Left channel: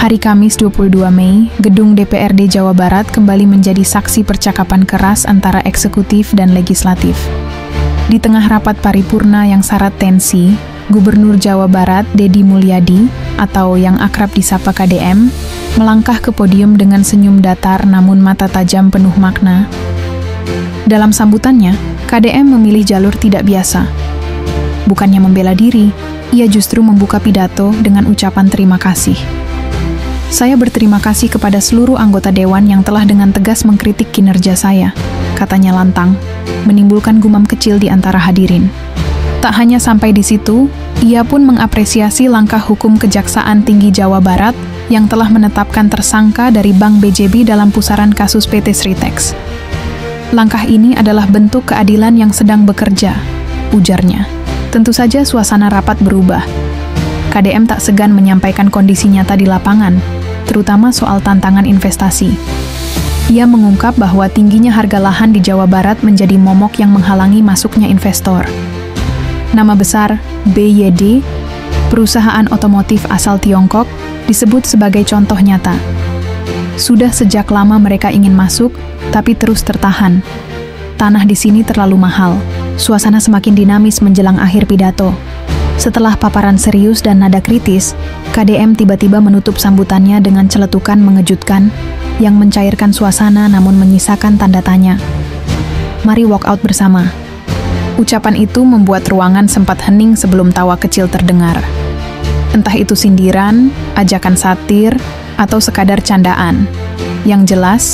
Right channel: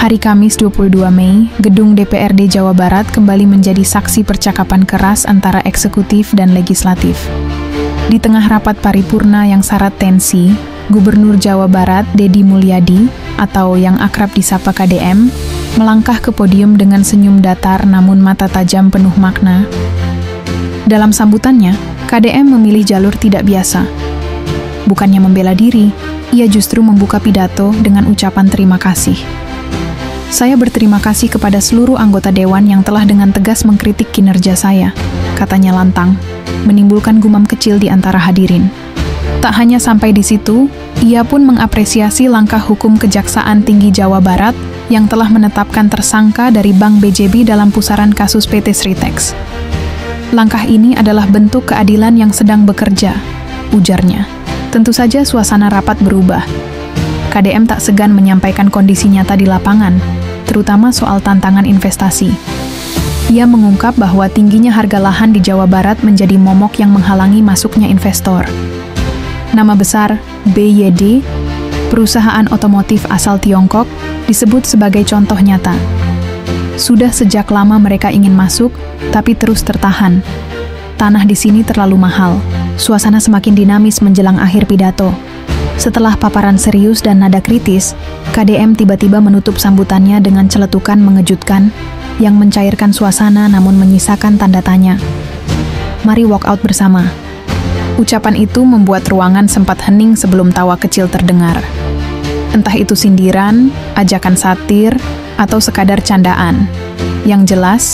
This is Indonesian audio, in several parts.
Hari Kamis 22 Mei, Gedung DPRD Jawa Barat kembali menjadi saksi percakapan keras antara eksekutif dan legislatif. Di tengah rapat paripurna yang syarat tensi, Gubernur Jawa Barat Deddy Mulyadi, atau yang akrab disapa KDM, melangkah ke podium dengan senyum datar namun mata tajam penuh makna. Dalam sambutannya, KDM memilih jalur tidak biasa. Bukannya membela diri, ia justru membuka pidato dengan ucapan terima kasih. Saya berterima kasih kepada seluruh anggota Dewan yang telah dengan tegas mengkritik kinerja saya, katanya lantang, menimbulkan gumam kecil di antara hadirin. Tak hanya sampai di situ, ia pun mengapresiasi langkah hukum Kejaksaan Tinggi Jawa Barat yang telah menetapkan tersangka dari Bank BJB dalam pusaran kasus PT Sritex. Langkah ini adalah bentuk keadilan yang sedang bekerja, ujarnya. Tentu saja suasana rapat berubah. KDM tak segan menyampaikan kondisi nyata di lapangan, terutama soal tantangan investasi. Ia mengungkap bahwa tingginya harga lahan di Jawa Barat menjadi momok yang menghalangi masuknya investor. Nama besar BYD, perusahaan otomotif asal Tiongkok, disebut sebagai contoh nyata. Sudah sejak lama mereka ingin masuk, tapi terus tertahan. Tanah di sini terlalu mahal. Suasana semakin dinamis menjelang akhir pidato. Setelah paparan serius dan nada kritis, KDM tiba-tiba menutup sambutannya dengan celetukan mengejutkan yang mencairkan suasana namun menyisakan tanda tanya. Mari walk out bersama. Ucapan itu membuat ruangan sempat hening sebelum tawa kecil terdengar. Entah itu sindiran, ajakan satir, atau sekadar candaan. Yang jelas,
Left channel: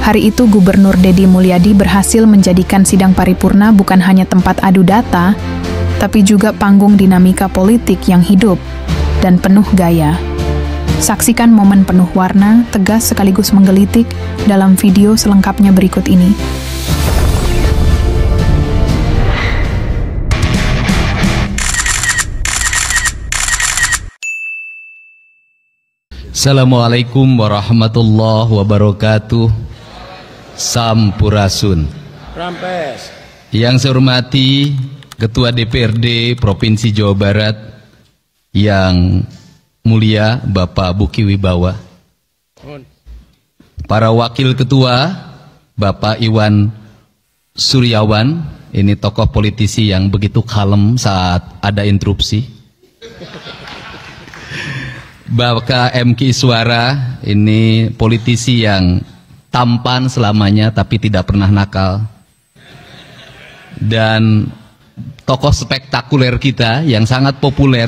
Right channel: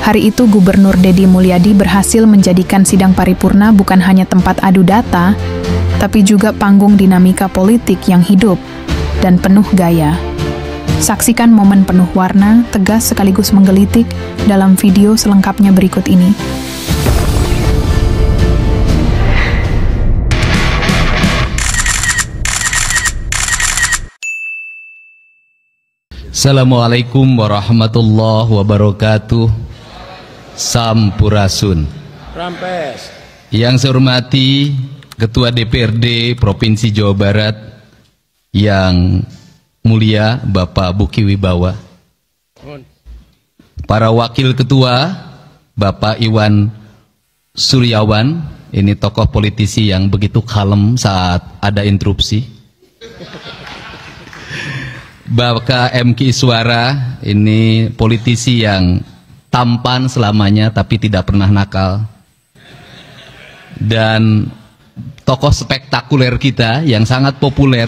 hari itu Gubernur Deddy Mulyadi berhasil menjadikan sidang paripurna bukan hanya tempat adu data, tapi juga panggung dinamika politik yang hidup dan penuh gaya. Saksikan momen penuh warna, tegas sekaligus menggelitik dalam video selengkapnya berikut ini. Assalamualaikum warahmatullahi wabarakatuh. Sampurasun. Rampes. Yang saya hormati Ketua DPRD Provinsi Jawa Barat yang mulia Bapak Buki Wibawa, para wakil ketua Bapak Iwan Suryawan, ini tokoh politisi yang begitu kalem saat ada interupsi, Bapak MK Iswara, ini politisi yang tampan selamanya tapi tidak pernah nakal, dan tokoh spektakuler kita yang sangat populer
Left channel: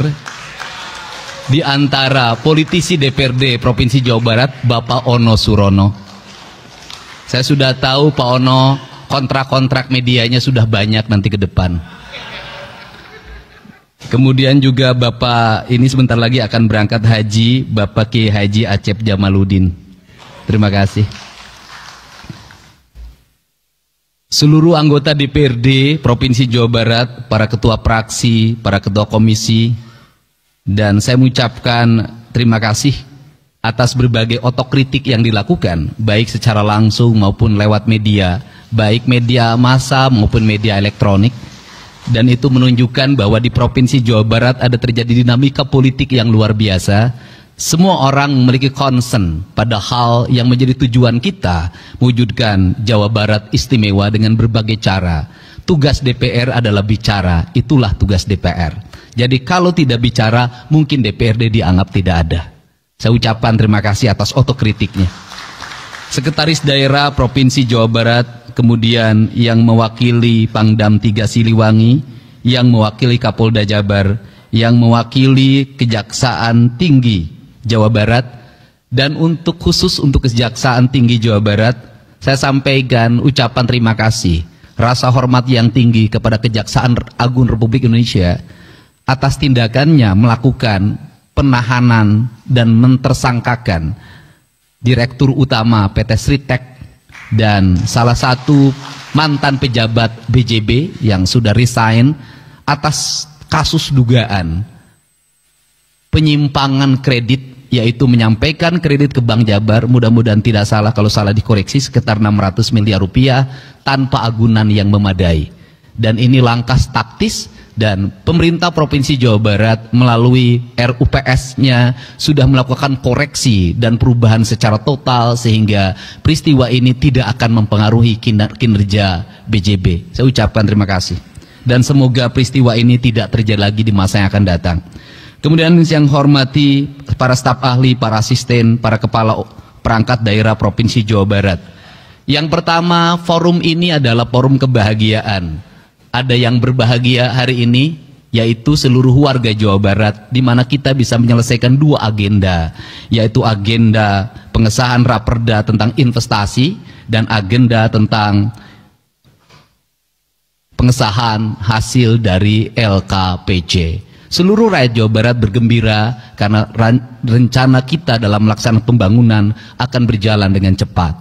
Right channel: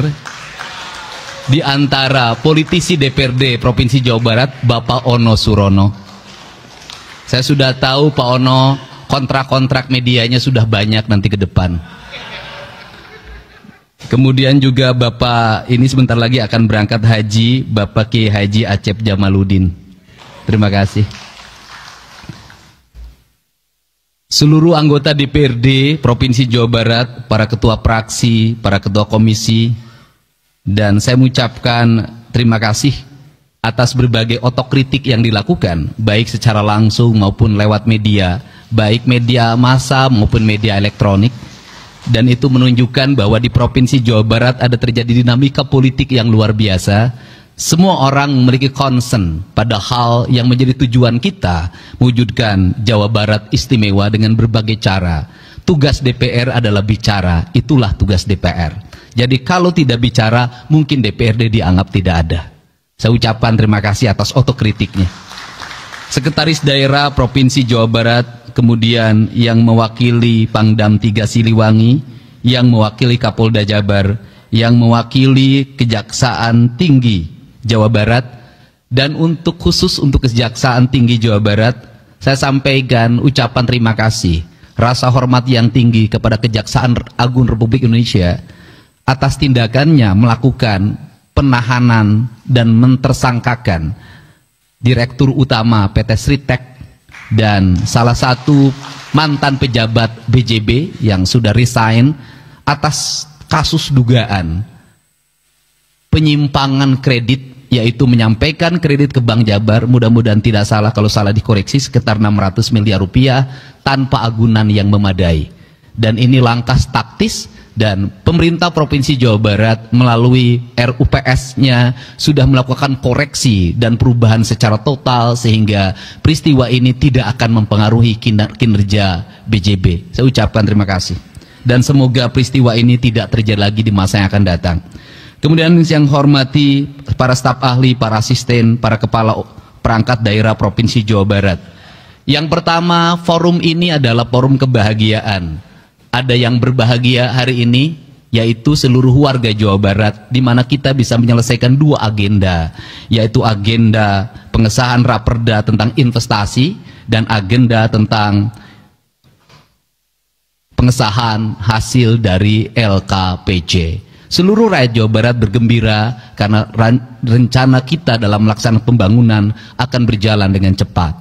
di antara politisi DPRD Provinsi Jawa Barat, Bapak Ono Surono. Saya sudah tahu Pak Ono kontrak-kontrak medianya sudah banyak nanti ke depan. Kemudian juga Bapak ini sebentar lagi akan berangkat haji, Bapak Ki Haji Acep Jamaluddin. Terima kasih. Seluruh anggota DPRD Provinsi Jawa Barat, para ketua fraksi, para ketua komisi, dan saya mengucapkan terima kasih atas berbagai otokritik yang dilakukan, baik secara langsung maupun lewat media, baik media massa maupun media elektronik, dan itu menunjukkan bahwa di Provinsi Jawa Barat ada terjadi dinamika politik yang luar biasa. Semua orang memiliki concern pada hal yang menjadi tujuan kita, mewujudkan Jawa Barat istimewa dengan berbagai cara. Tugas DPR adalah bicara, itulah tugas DPR. Jadi kalau tidak bicara, mungkin DPRD dianggap tidak ada. Saya ucapkan terima kasih atas otokritiknya. Sekretaris Daerah Provinsi Jawa Barat, kemudian yang mewakili Pangdam 3 Siliwangi, yang mewakili Kapolda Jabar, yang mewakili Kejaksaan Tinggi Jawa Barat, dan untuk khusus untuk Kejaksaan Tinggi Jawa Barat, saya sampaikan ucapan terima kasih, rasa hormat yang tinggi kepada Kejaksaan Agung Republik Indonesia atas tindakannya melakukan penahanan dan mentersangkakan Direktur Utama PT Sritex dan salah satu mantan pejabat BJB yang sudah resign atas kasus dugaan penyimpangan kredit, yaitu menyampaikan kredit ke Bank Jabar, mudah-mudahan tidak salah, kalau salah dikoreksi, sekitar 600 miliar rupiah tanpa agunan yang memadai. Dan ini langkah taktis Dan pemerintah Provinsi Jawa Barat melalui RUPS-nya sudah melakukan koreksi dan perubahan secara total sehingga peristiwa ini tidak akan mempengaruhi kinerja BJB. Saya ucapkan terima kasih. Dan semoga peristiwa ini tidak terjadi lagi di masa yang akan datang. Kemudian yang hormati para staf ahli, para asisten, para kepala perangkat daerah Provinsi Jawa Barat. Yang pertama, forum ini adalah forum kebahagiaan. Ada yang berbahagia hari ini, yaitu seluruh warga Jawa Barat, di mana kita bisa menyelesaikan dua agenda, yaitu agenda pengesahan Raperda tentang investasi dan agenda tentang pengesahan hasil dari LKPJ. Seluruh rakyat Jawa Barat bergembira karena rencana kita dalam melaksanakan pembangunan akan berjalan dengan cepat.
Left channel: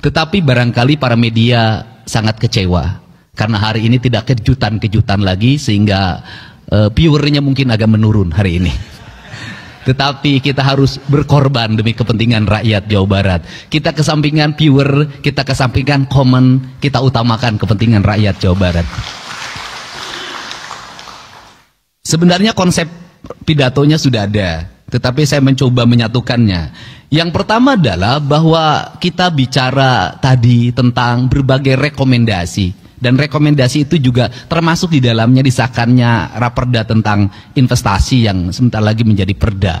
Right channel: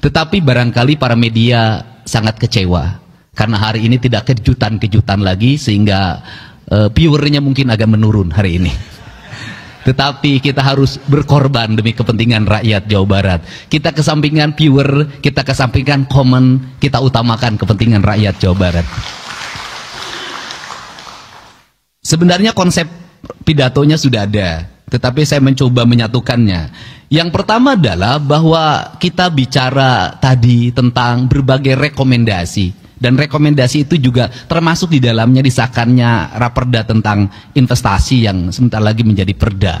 Tetapi barangkali para media sangat kecewa. Karena hari ini tidak kejutan-kejutan lagi sehingga viewernya mungkin agak menurun hari ini. Tetapi kita harus berkorban demi kepentingan rakyat Jawa Barat. Kita kesampingkan viewer, kita kesampingkan komen, kita utamakan kepentingan rakyat Jawa Barat. Sebenarnya konsep pidatonya sudah ada, tetapi saya mencoba menyatukannya. Yang pertama adalah bahwa kita bicara tadi tentang berbagai rekomendasi. Dan rekomendasi itu juga termasuk di dalamnya disahkannya Raperda tentang investasi yang sebentar lagi menjadi perda.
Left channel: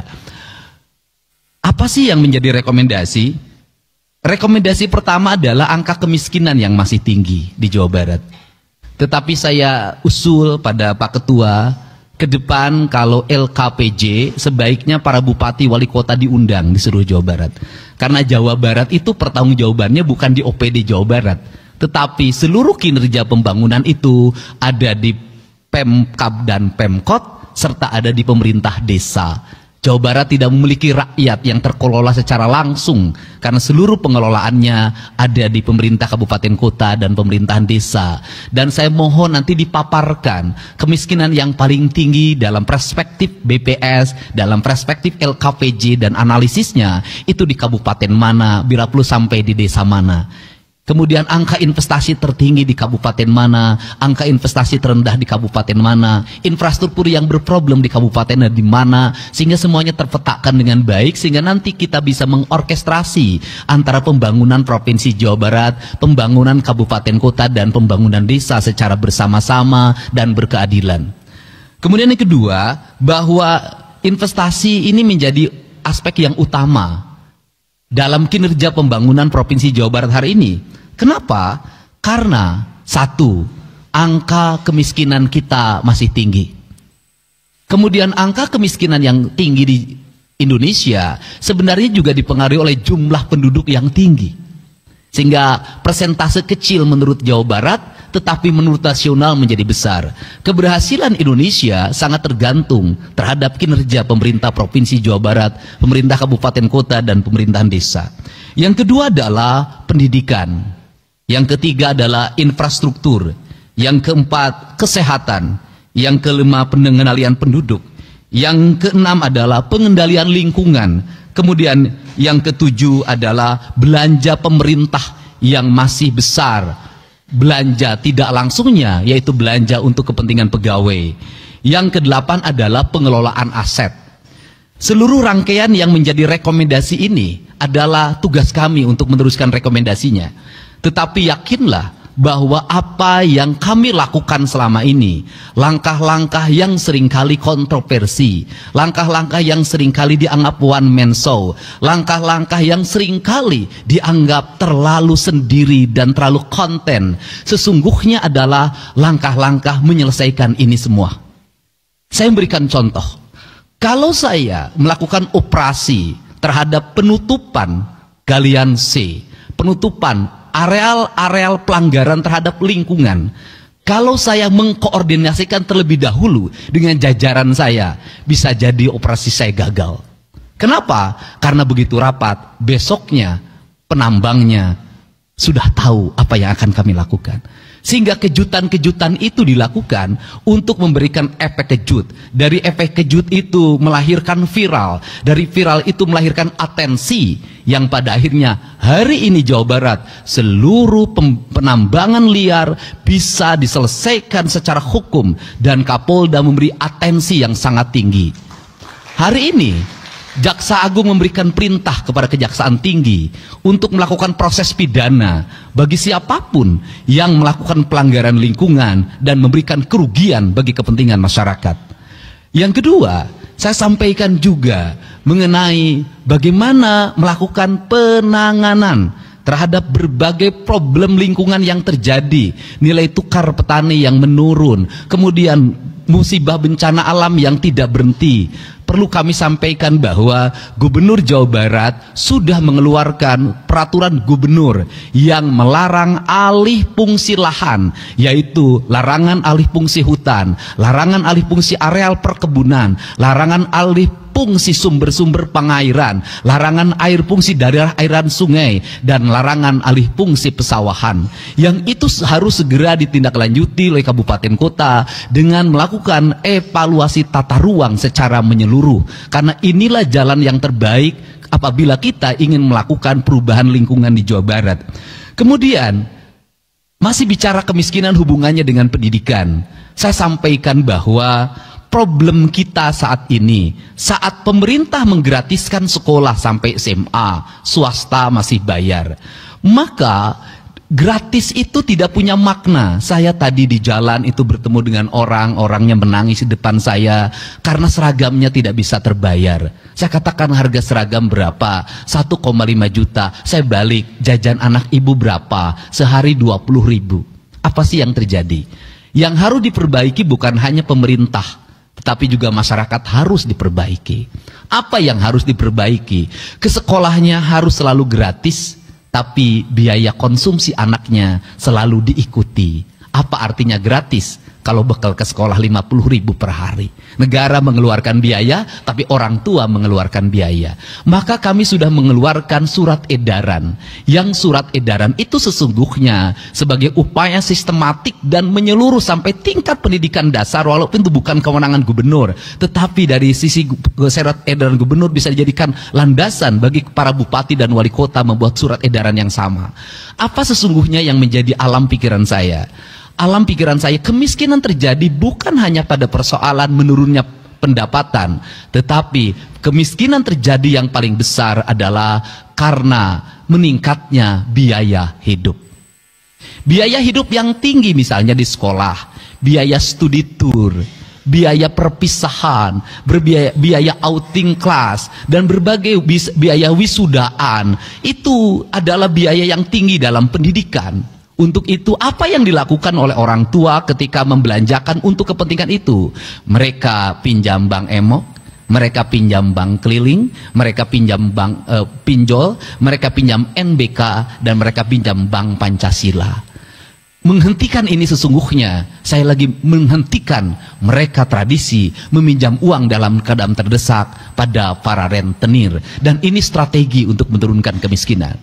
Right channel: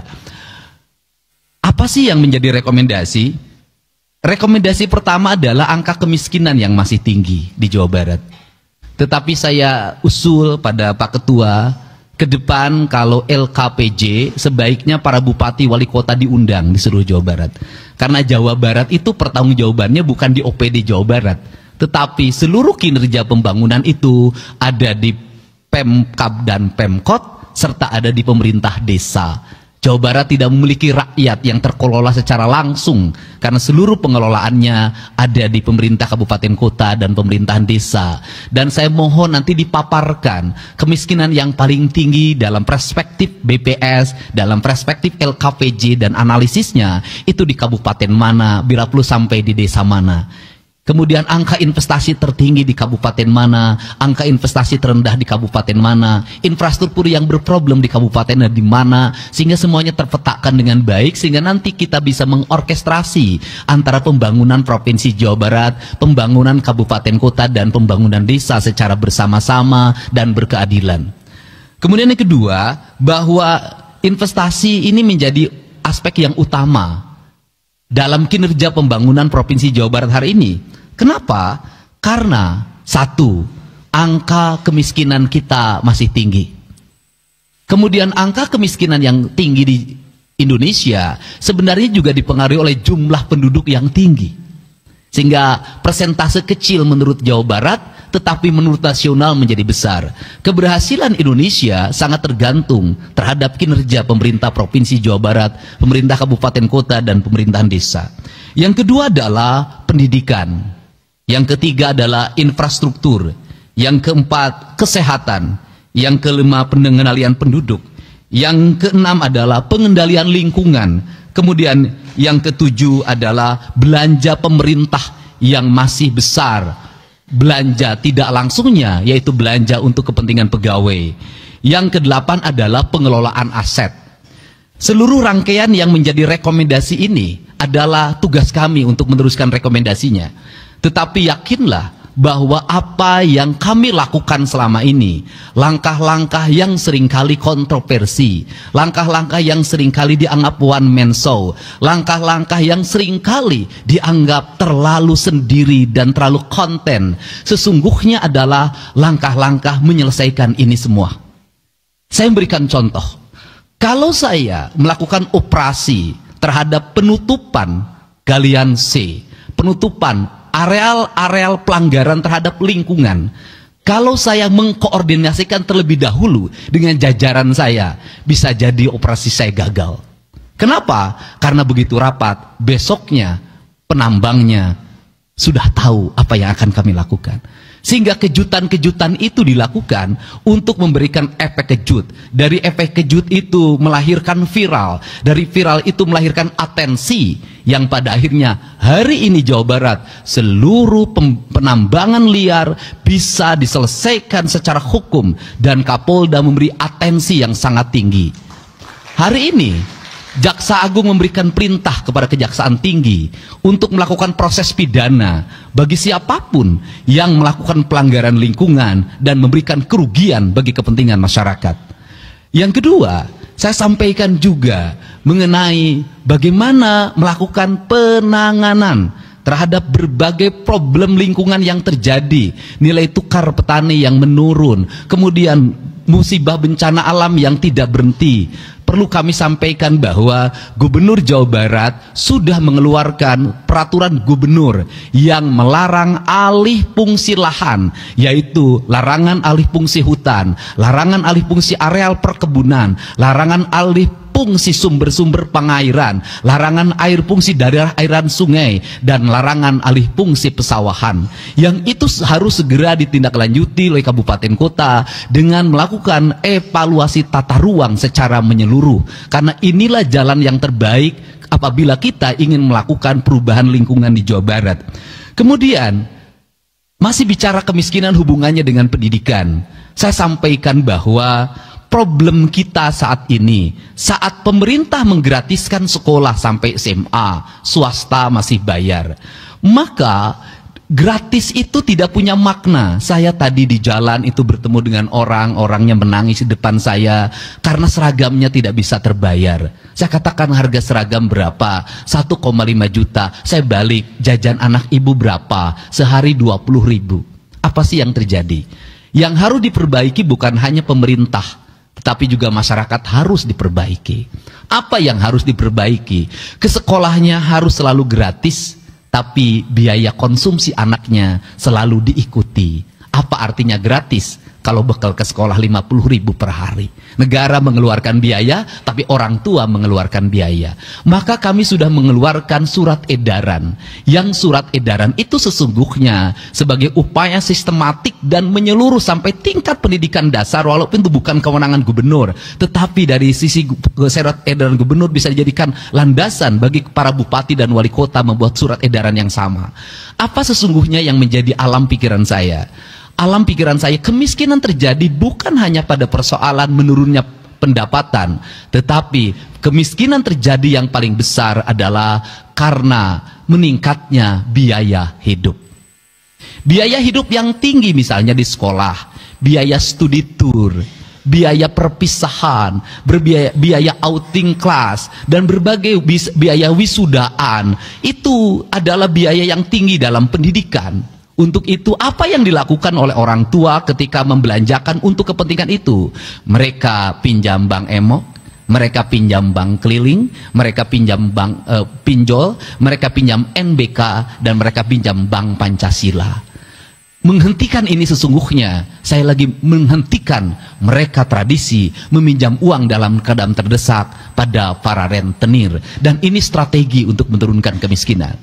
Apa sih yang menjadi rekomendasi? Rekomendasi pertama adalah angka kemiskinan yang masih tinggi di Jawa Barat. Tetapi saya usul pada Pak Ketua, ke depan kalau LKPJ sebaiknya para bupati wali kota diundang di seluruh Jawa Barat. Karena Jawa Barat itu pertanggungjawabannya bukan di OPD Jawa Barat. Tetapi seluruh kinerja pembangunan itu ada di Pemkab dan Pemkot, serta ada di pemerintah desa. Jawa Barat tidak memiliki rakyat yang terkelola secara langsung, karena seluruh pengelolaannya ada di pemerintah kabupaten kota dan pemerintahan desa. Dan saya mohon nanti dipaparkan kemiskinan yang paling tinggi dalam perspektif BPS, dalam perspektif LKPJ dan analisisnya, itu di kabupaten mana, bila perlu sampai di desa mana. Kemudian angka investasi tertinggi di kabupaten mana, angka investasi terendah di kabupaten mana, infrastruktur yang berproblem di kabupaten di mana, sehingga semuanya terpetakan dengan baik, sehingga nanti kita bisa mengorkestrasi antara pembangunan Provinsi Jawa Barat, pembangunan kabupaten kota, dan pembangunan desa secara bersama-sama dan berkeadilan. Kemudian yang kedua, bahwa investasi ini menjadi aspek yang utama dalam kinerja pembangunan Provinsi Jawa Barat hari ini. Kenapa? Karena satu, angka kemiskinan kita masih tinggi. Kemudian angka kemiskinan yang tinggi di Indonesia sebenarnya juga dipengaruhi oleh jumlah penduduk yang tinggi. Sehingga persentase kecil menurut Jawa Barat, tetapi menurut nasional menjadi besar. Keberhasilan Indonesia sangat tergantung terhadap kinerja pemerintah Provinsi Jawa Barat, pemerintah kabupaten kota, dan pemerintahan desa. Yang kedua adalah pendidikan. Yang ketiga adalah infrastruktur. Yang keempat, kesehatan. Yang kelima, pengendalian penduduk. Yang keenam adalah pengendalian lingkungan. Kemudian yang ketujuh adalah belanja pemerintah yang masih besar. Belanja tidak langsungnya, yaitu belanja untuk kepentingan pegawai. Yang kedelapan adalah pengelolaan aset. Seluruh rangkaian yang menjadi rekomendasi ini adalah tugas kami untuk meneruskan rekomendasinya. Tetapi yakinlah bahwa apa yang kami lakukan selama ini, langkah-langkah yang seringkali kontroversi, langkah-langkah yang seringkali dianggap one man show, langkah-langkah yang seringkali dianggap terlalu sendiri dan terlalu konten, sesungguhnya adalah langkah-langkah menyelesaikan ini semua. Saya memberikan contoh. Kalau saya melakukan operasi terhadap penutupan galian C, penutupan areal-areal pelanggaran terhadap lingkungan, kalau saya mengkoordinasikan terlebih dahulu dengan jajaran saya, bisa jadi operasi saya gagal. Kenapa? Karena begitu rapat, besoknya penambangnya sudah tahu apa yang akan kami lakukan. Sehingga kejutan-kejutan itu dilakukan untuk memberikan efek kejut. Dari efek kejut itu melahirkan viral. Dari viral itu melahirkan atensi. Yang pada akhirnya hari ini Jawa Barat, seluruh penambangan liar bisa diselesaikan secara hukum. Dan Kapolda memberi atensi yang sangat tinggi. Hari ini Jaksa Agung memberikan perintah kepada Kejaksaan Tinggi untuk melakukan proses pidana bagi siapapun yang melakukan pelanggaran lingkungan dan memberikan kerugian bagi kepentingan masyarakat. Yang kedua, saya sampaikan juga mengenai bagaimana melakukan penanganan terhadap berbagai problem lingkungan yang terjadi, nilai tukar petani yang menurun, kemudian musibah bencana alam yang tidak berhenti. Perlu kami sampaikan bahwa Gubernur Jawa Barat sudah mengeluarkan peraturan gubernur yang melarang alih fungsi lahan, yaitu larangan alih fungsi hutan, larangan alih fungsi areal perkebunan, larangan alih fungsi sumber-sumber pengairan, larangan air fungsi daerah airan sungai, dan larangan alih fungsi pesawahan. Yang itu harus segera ditindaklanjuti oleh kabupaten kota dengan melakukan evaluasi tata ruang secara menyeluruh. Karena inilah jalan yang terbaik apabila kita ingin melakukan perubahan lingkungan di Jawa Barat. Kemudian, masih bicara kemiskinan hubungannya dengan pendidikan. Saya sampaikan bahwa problem kita saat ini, saat pemerintah menggratiskan sekolah sampai SMA, swasta masih bayar, maka gratis itu tidak punya makna. Saya tadi di jalan itu bertemu dengan orangnya menangis di depan saya karena seragamnya tidak bisa terbayar. Saya katakan harga seragam berapa? 1,5 juta. Saya balik, jajan anak ibu berapa? Sehari 20.000. Apa sih yang terjadi? Yang harus diperbaiki bukan hanya pemerintah, tetapi juga masyarakat harus diperbaiki. Apa yang harus diperbaiki? Ke sekolahnya harus selalu gratis, tapi biaya konsumsi anaknya selalu diikuti. Apa artinya gratis? Kalau bekal ke sekolah 50.000 per hari. Negara mengeluarkan biaya, tapi orang tua mengeluarkan biaya. Maka kami sudah mengeluarkan surat edaran. Yang surat edaran itu sesungguhnya sebagai upaya sistematik dan menyeluruh sampai tingkat pendidikan dasar, walaupun itu bukan kewenangan gubernur. Tetapi dari sisi surat edaran gubernur bisa dijadikan landasan bagi para bupati dan wali kota membuat surat edaran yang sama. Apa sesungguhnya yang menjadi alam pikiran saya? Alam pikiran saya, kemiskinan terjadi bukan hanya pada persoalan menurunnya pendapatan, tetapi kemiskinan terjadi yang paling besar adalah karena meningkatnya biaya hidup. Biaya hidup yang tinggi misalnya di sekolah, biaya studi tour, biaya perpisahan, biaya outing kelas, dan berbagai biaya wisudaan, itu adalah biaya yang tinggi dalam pendidikan. Untuk itu, apa yang dilakukan oleh orang tua ketika membelanjakan untuk kepentingan itu? Mereka pinjam bank emok, mereka pinjam bank keliling, mereka pinjam bank pinjol, mereka pinjam NBK, dan mereka pinjam bank Pancasila. Menghentikan ini sesungguhnya, saya lagi menghentikan mereka tradisi meminjam uang dalam keadaan terdesak pada para rentenir. Dan ini strategi untuk menurunkan kemiskinan.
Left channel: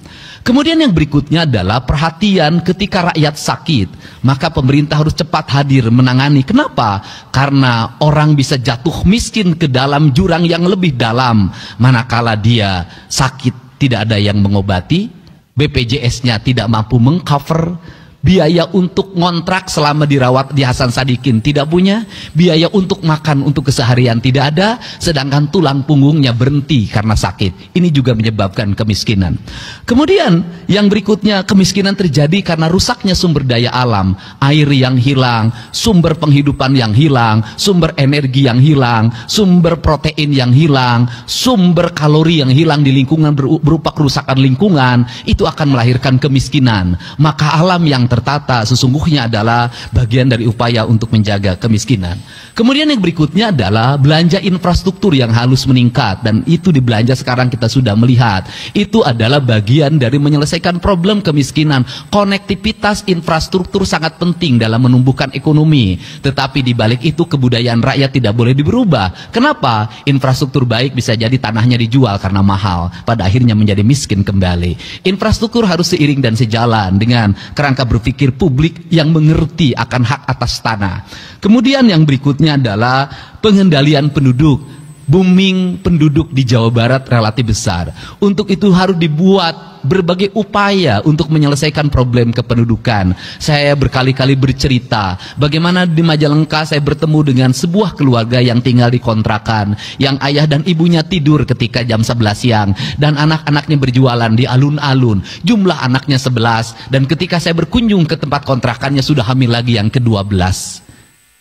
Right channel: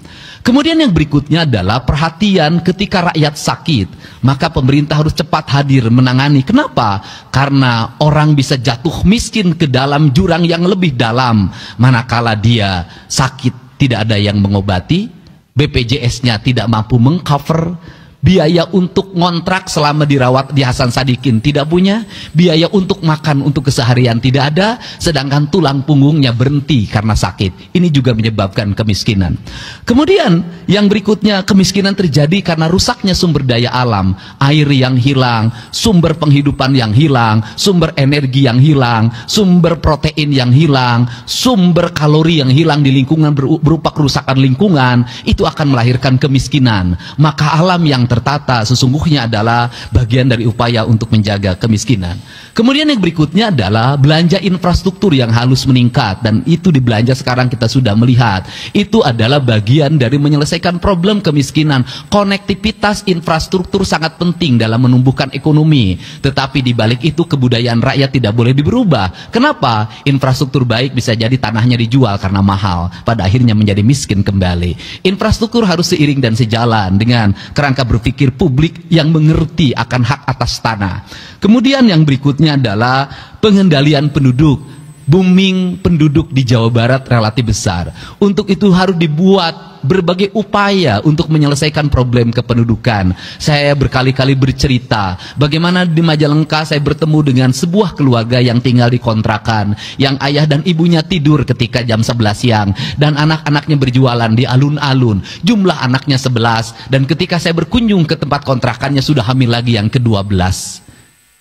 Kemudian yang berikutnya adalah perhatian ketika rakyat sakit. Maka pemerintah harus cepat hadir menangani. Kenapa? Karena orang bisa jatuh miskin ke dalam jurang yang lebih dalam. Manakala dia sakit tidak ada yang mengobati, BPJS-nya tidak mampu mengcover, biaya untuk ngontrak selama dirawat di Hasan Sadikin tidak punya, biaya untuk makan untuk keseharian tidak ada, sedangkan tulang punggungnya berhenti karena sakit. Ini juga menyebabkan kemiskinan. Kemudian yang berikutnya, kemiskinan terjadi karena rusaknya sumber daya alam, air yang hilang, sumber penghidupan yang hilang, sumber energi yang hilang, sumber protein yang hilang, sumber kalori yang hilang di lingkungan berupa kerusakan lingkungan, itu akan melahirkan kemiskinan. Maka alam yang tertata sesungguhnya adalah bagian dari upaya untuk menjaga kemiskinan. Kemudian yang berikutnya adalah belanja infrastruktur yang harus meningkat, dan itu di belanja sekarang kita sudah melihat. Itu adalah bagian dari menyelesaikan problem kemiskinan. Konektivitas infrastruktur sangat penting dalam menumbuhkan ekonomi. Tetapi di balik itu kebudayaan rakyat tidak boleh berubah. Kenapa? Infrastruktur baik bisa jadi tanahnya dijual karena mahal, pada akhirnya menjadi miskin kembali. Infrastruktur harus seiring dan sejalan dengan kerangka berpikir publik yang mengerti akan hak atas tanah. Kemudian yang berikutnya adalah pengendalian penduduk. Booming penduduk di Jawa Barat relatif besar. Untuk itu harus dibuat berbagai upaya untuk menyelesaikan problem kependudukan. Saya berkali-kali bercerita bagaimana di Majalengka saya bertemu dengan sebuah keluarga yang tinggal di kontrakan, yang ayah dan ibunya tidur ketika jam 11 siang dan anak-anaknya berjualan di alun-alun. Jumlah anaknya 11, dan ketika saya berkunjung ke tempat kontrakannya sudah hamil lagi yang ke-12.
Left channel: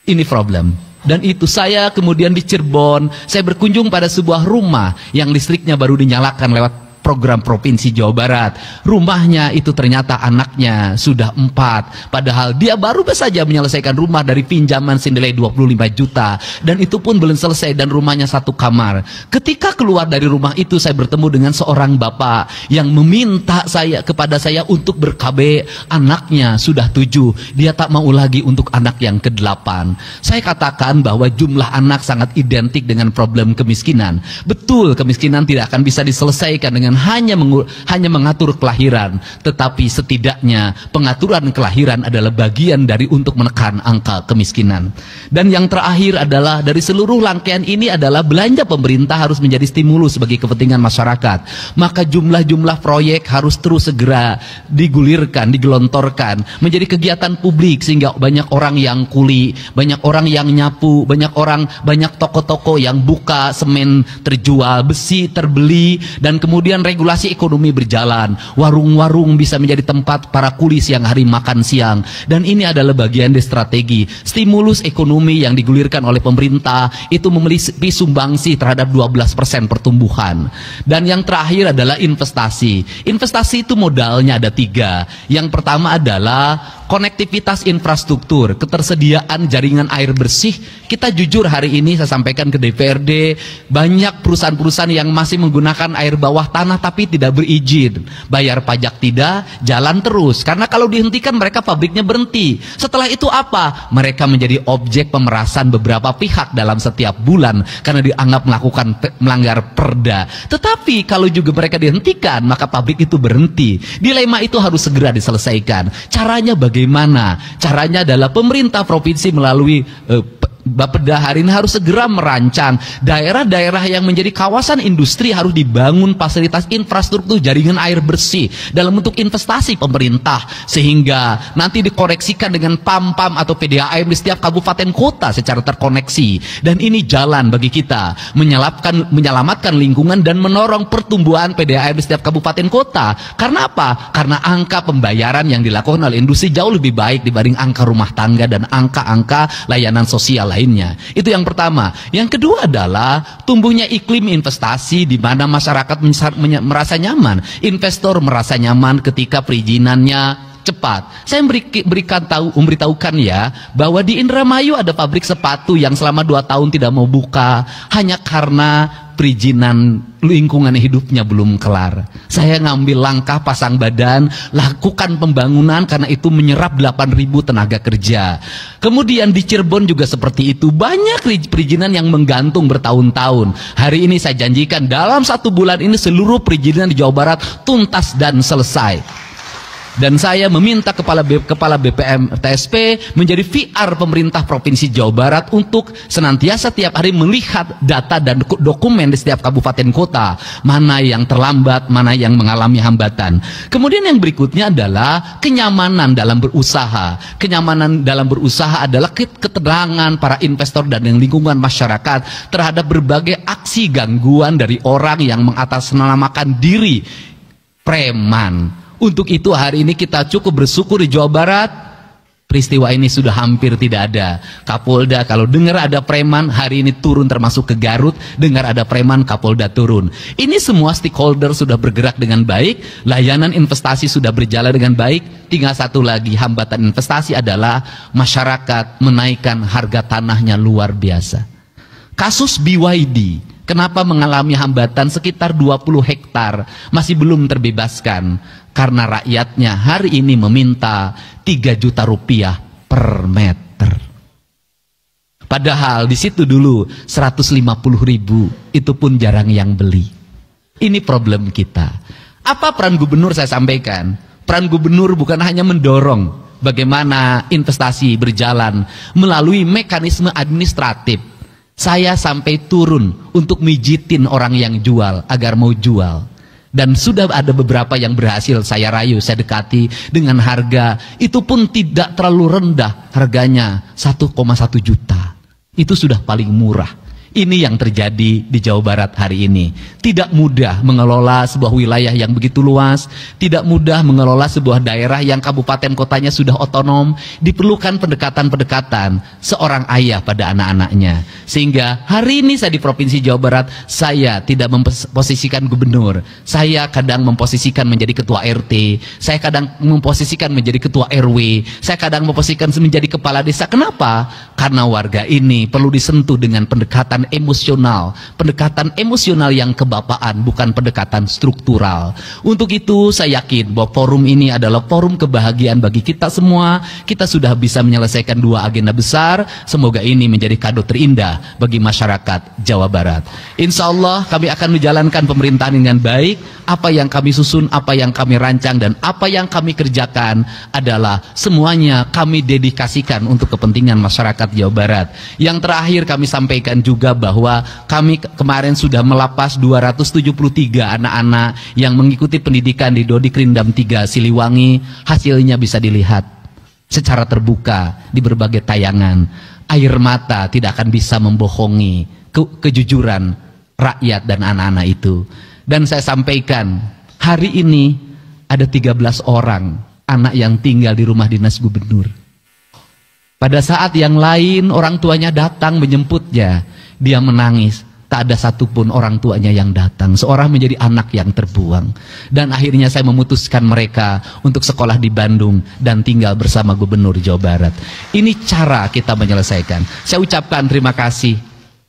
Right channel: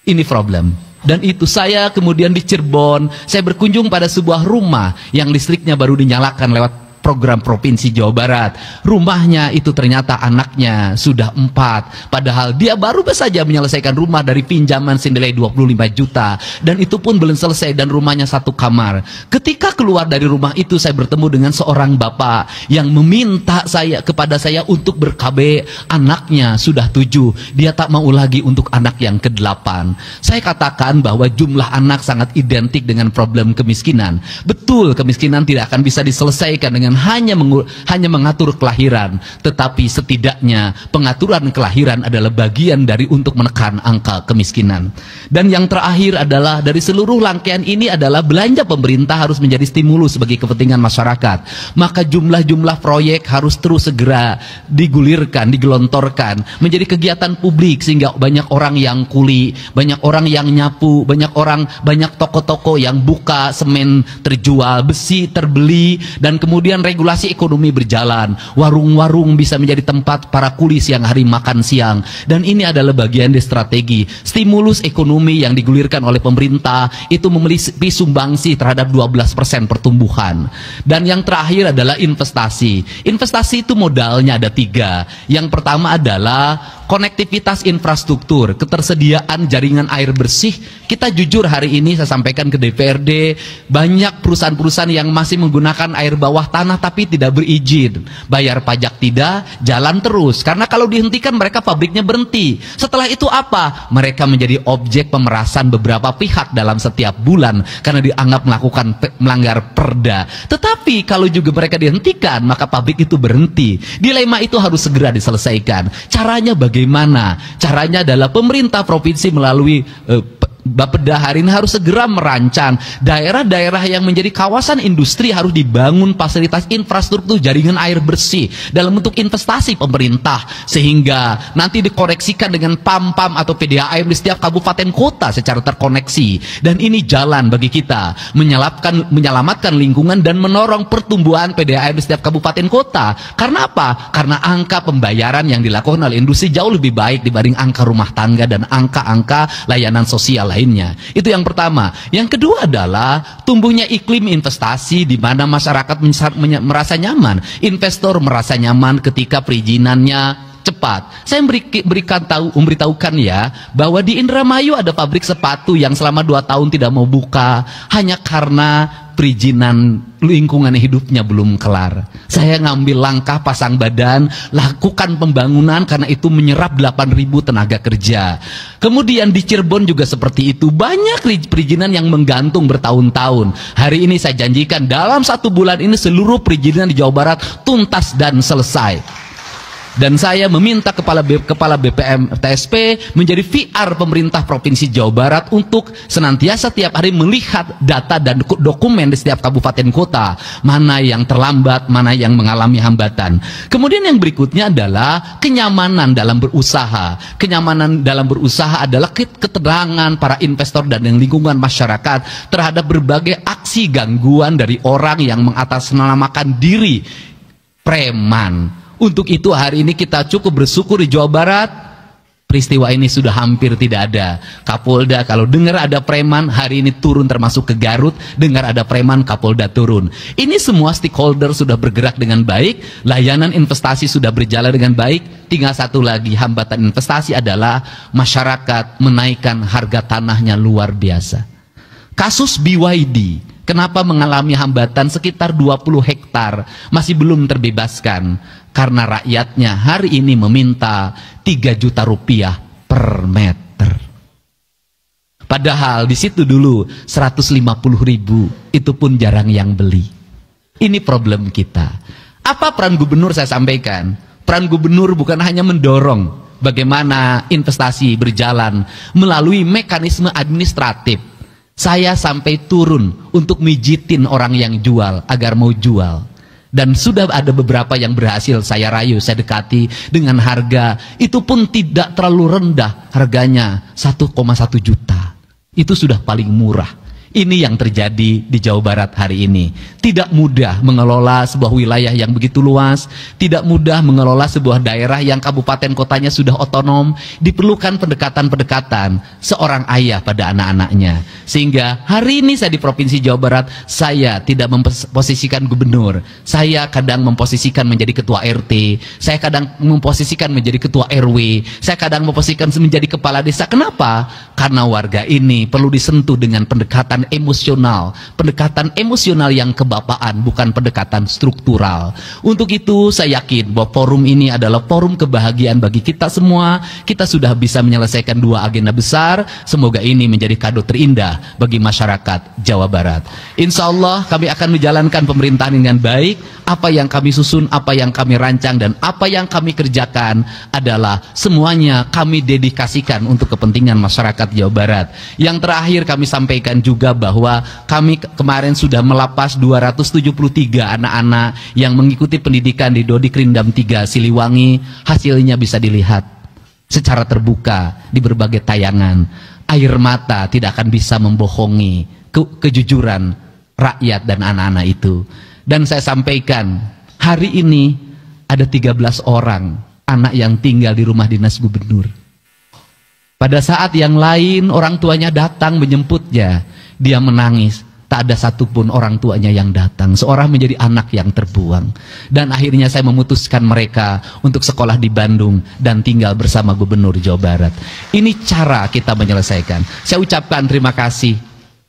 Ini problem. Dan itu saya kemudian di Cirebon, saya berkunjung pada sebuah rumah yang listriknya baru dinyalakan lewat program Provinsi Jawa Barat. Rumahnya itu ternyata anaknya sudah 4. Padahal dia baru saja menyelesaikan rumah dari pinjaman senilai 25 juta. Dan itu pun belum selesai dan rumahnya 1 kamar. Ketika keluar dari rumah itu saya bertemu dengan seorang bapak yang meminta kepada saya untuk ber-KB. Anaknya sudah 7. Dia tak mau lagi untuk anak yang ke-8. Saya katakan bahwa jumlah anak sangat identik dengan problem kemiskinan. Betul, kemiskinan tidak akan bisa diselesaikan dengan hanya mengatur kelahiran, tetapi setidaknya pengaturan kelahiran adalah bagian dari untuk menekan angka kemiskinan. Dan yang terakhir adalah dari seluruh rangkaian ini adalah belanja pemerintah harus menjadi stimulus bagi kepentingan masyarakat. Maka jumlah-jumlah proyek harus terus segera digulirkan, digelontorkan menjadi kegiatan publik sehingga banyak orang yang kuli, banyak orang yang nyapu, banyak toko-toko yang buka, semen terjual, besi terbeli, dan kemudian regulasi ekonomi berjalan. Warung-warung bisa menjadi tempat para kuli siang hari makan siang. Dan ini adalah bagian dari strategi. Stimulus ekonomi yang digulirkan oleh pemerintah itu memiliki sumbangsi terhadap 12% pertumbuhan. Dan yang terakhir adalah investasi. Investasi itu modalnya ada 3. Yang pertama adalah konektivitas infrastruktur, ketersediaan jaringan air bersih. Kita jujur hari ini saya sampaikan ke DPRD, banyak perusahaan-perusahaan yang masih menggunakan air bawah tanah tapi tidak berizin. Bayar pajak tidak, jalan terus. Karena kalau dihentikan mereka pabriknya berhenti. Setelah itu apa? Mereka menjadi objek pemerasan beberapa pihak dalam setiap bulan karena dianggap melanggar perda. Tetapi kalau juga mereka dihentikan, maka pabrik itu berhenti. Dilema itu harus segera diselesaikan. Caranya bagaimana? Caranya adalah pemerintah provinsi melalui Bapeda hari ini harus segera merancang daerah-daerah yang menjadi kawasan industri harus dibangun fasilitas infrastruktur jaringan air bersih dalam bentuk investasi pemerintah sehingga nanti dikoreksikan dengan PAM-PAM atau PDAM di setiap kabupaten kota secara terkoneksi. Dan ini jalan bagi kita menyelamatkan lingkungan dan menorong pertumbuhan PDAM di setiap kabupaten kota. Karena apa? Karena angka pembayaran yang dilakukan oleh industri jauh lebih baik dibanding angka rumah tangga dan angka-angka layanan sosial lainnya. Itu yang pertama. Yang kedua adalah tumbuhnya iklim investasi di mana masyarakat merasa nyaman, investor merasa nyaman ketika perizinannya cepat. Saya memberitahukan ya bahwa di Indramayu ada pabrik sepatu yang selama 2 tahun tidak mau buka hanya karena perizinan lingkungan hidupnya belum kelar. Saya ngambil langkah pasang badan, lakukan pembangunan karena itu menyerap 8.000 tenaga kerja. Kemudian di Cirebon juga seperti itu. Banyak perizinan yang menggantung bertahun-tahun. Hari ini saya janjikan dalam 1 bulan ini seluruh perizinan di Jawa Barat tuntas dan selesai. Dan saya meminta kepala BPM TSP menjadi VR pemerintah Provinsi Jawa Barat untuk senantiasa tiap hari melihat data dan dokumen di setiap kabupaten kota. Mana yang terlambat, mana yang mengalami hambatan. Kemudian yang berikutnya adalah kenyamanan dalam berusaha. Kenyamanan dalam berusaha adalah keterangan para investor dan lingkungan masyarakat terhadap berbagai aksi gangguan dari orang yang mengatasnamakan diri preman. Untuk itu hari ini kita cukup bersyukur di Jawa Barat Peristiwa ini sudah hampir tidak ada. Kapolda kalau dengar ada preman, hari ini turun termasuk ke Garut. Dengar ada preman, Kapolda turun. Ini semua stakeholder sudah bergerak dengan baik. Layanan investasi sudah berjalan dengan baik. Tinggal satu lagi hambatan investasi adalah masyarakat menaikkan harga tanahnya luar biasa. Kasus BYD, kenapa mengalami hambatan sekitar 20 hektar masih belum terbebaskan? Karena rakyatnya hari ini meminta 3 juta rupiah per meter. Padahal di situ dulu 150.000, itu pun jarang yang beli. Ini problem kita. Apa peran gubernur saya sampaikan? Peran gubernur bukan hanya mendorong bagaimana investasi berjalan melalui mekanisme administratif. Saya sampai turun untuk mijitin orang yang jual agar mau jual. Dan sudah ada beberapa yang berhasil saya rayu, saya dekati dengan harga. Itu pun tidak terlalu rendah, harganya 1,1 juta. Itu sudah paling murah. Ini yang terjadi di Jawa Barat hari ini. Tidak mudah mengelola sebuah wilayah yang begitu luas. Tidak mudah mengelola sebuah daerah yang kabupaten kotanya sudah otonom. Diperlukan pendekatan-pendekatan seorang ayah pada anak-anaknya. Sehingga hari ini saya di Provinsi Jawa Barat, saya tidak memposisikan gubernur. Saya kadang memposisikan menjadi ketua RT. Saya kadang memposisikan menjadi ketua RW. Saya kadang memposisikan menjadi kepala desa. Kenapa? Karena warga ini perlu disentuh dengan pendekatan pendekatan emosional yang kebapaan, bukan pendekatan struktural. Untuk itu saya yakin bahwa forum ini adalah forum kebahagiaan bagi kita semua. Kita sudah bisa menyelesaikan 2 agenda besar. Semoga ini menjadi kado terindah bagi masyarakat Jawa Barat. Insya Allah kami akan menjalankan pemerintahan dengan baik. Apa yang kami susun, apa yang kami rancang, dan apa yang kami kerjakan adalah semuanya kami dedikasikan untuk kepentingan masyarakat Jawa Barat. Yang terakhir kami sampaikan juga bahwa kami kemarin sudah melapas 273 anak-anak yang mengikuti pendidikan di Dodik Rindam 3 Siliwangi. Hasilnya bisa dilihat secara terbuka di berbagai tayangan. Air mata tidak akan bisa membohongi kejujuran rakyat dan anak-anak itu. Dan saya sampaikan, hari ini ada 13 orang anak yang tinggal di rumah dinas gubernur. Pada saat yang lain orang tuanya datang menjemputnya, dia menangis. Tak ada satupun orang tuanya yang datang. Seorang menjadi anak yang terbuang. Dan akhirnya saya memutuskan mereka untuk sekolah di Bandung dan tinggal bersama gubernur Jawa Barat. Ini cara kita menyelesaikan. Saya ucapkan terima kasih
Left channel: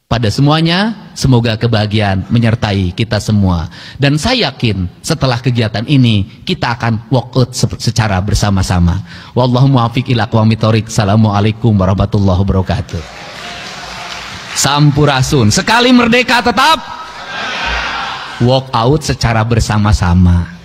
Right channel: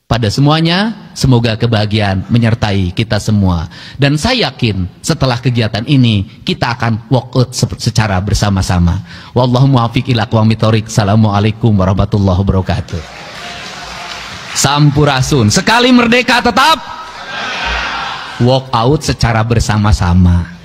pada semuanya. Semoga kebahagiaan menyertai kita semua. Dan saya yakin setelah kegiatan ini kita akan walk out secara bersama-sama. Wallahu muwaffiq ila aqwamit thoriq. Assalamualaikum warahmatullahi wabarakatuh. Sampurasun. Sekali merdeka tetap walk out secara bersama-sama.